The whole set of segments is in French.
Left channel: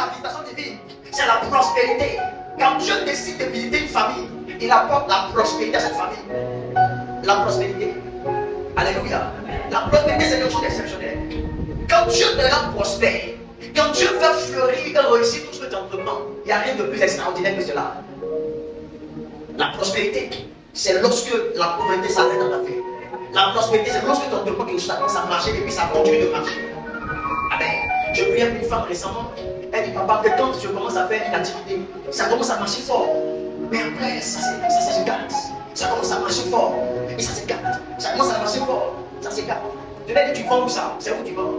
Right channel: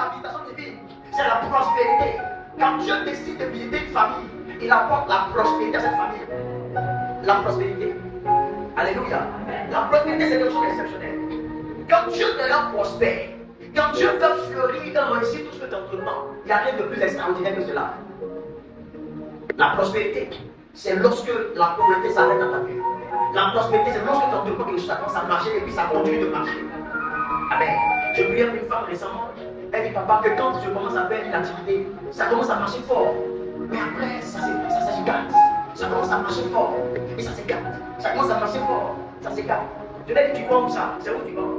la visitation divine, c'est la prospérité. Quand Dieu décide de visiter une famille, il apporte la prospérité à cette famille. La prospérité. Alléluia. La prospérité, c'est quelque chose d'exceptionnel. Quand Dieu te rend prospère, quand Dieu fait fleurir et réussir tout ce que tu entreprends, il n'y a rien de plus extraordinaire que cela. La prospérité, c'est lorsque la pauvreté s'arrête dans ta vie. La prospérité, c'est lorsque tu entreprends quelque chose, ça commence à marcher et puis ça continue de marcher. Amen. Je priais pour une femme récemment. Elle dit, papa, que quand je commence à faire une activité, ça commence à marcher fort. Mais après, ça se gâte. Ça commence à marcher fort. Et ça se gâte. Ça commence à marcher fort. Ça se gâte. Je lui ai dit, tu vends où ça? C'est où tu vends?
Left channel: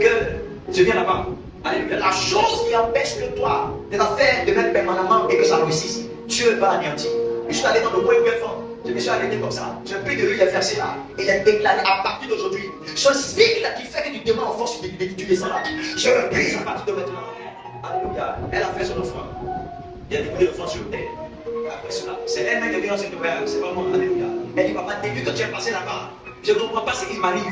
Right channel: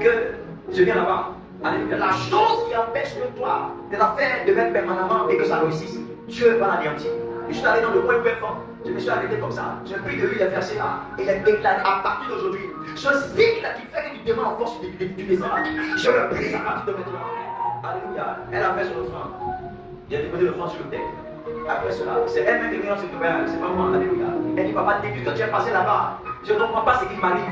Que je viens là-bas. Alléluia. La chose qui empêche que toi de la faire de même permanemment et que ça réussisse, Dieu va l'anéantir. Je suis allé dans le coin où elle vend. Je me suis arrêté comme ça. Je prie de lui les versets là. Il est déclaré à partir d'aujourd'hui. Ce cycle qui fait que tu demandes en force, tu descends là. Je le brise à partir de maintenant. Alléluia. Elle a fait son offrande. Il a déposé l'offrande sur le terre. Après cela, c'est elle-même qui est venue dans cette période. C'est pas moi. Alléluia. Elle dit, papa, depuis que tu es passé là-bas, je ne comprends pas ce qui m'arrive.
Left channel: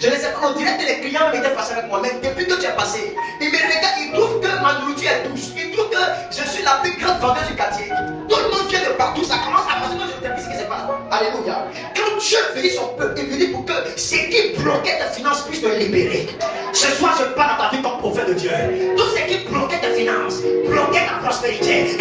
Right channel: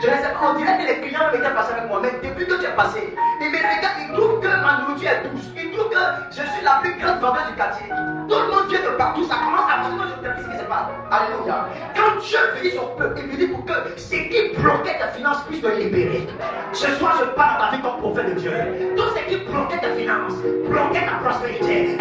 Je ne sais pas, on dirait que les clients m'étaient passés avec moi, mais depuis que tu es passé, ils me regardent, ils trouvent que ma nourriture est douce. Ils trouvent que je suis la plus grande vendeuse du quartier. Tout le monde vient de partout, ça commence à passer. Moi, je ne sais pas ce qui se passe. Alléluia. Quand Dieu veut son peuple, il veut pour que ce qui bloquait tes finances puisse te libérer. Ce soir, je parle à ta vie comme prophète de Dieu. Tout ce qui bloquait tes finances, bloquait ta prospérité,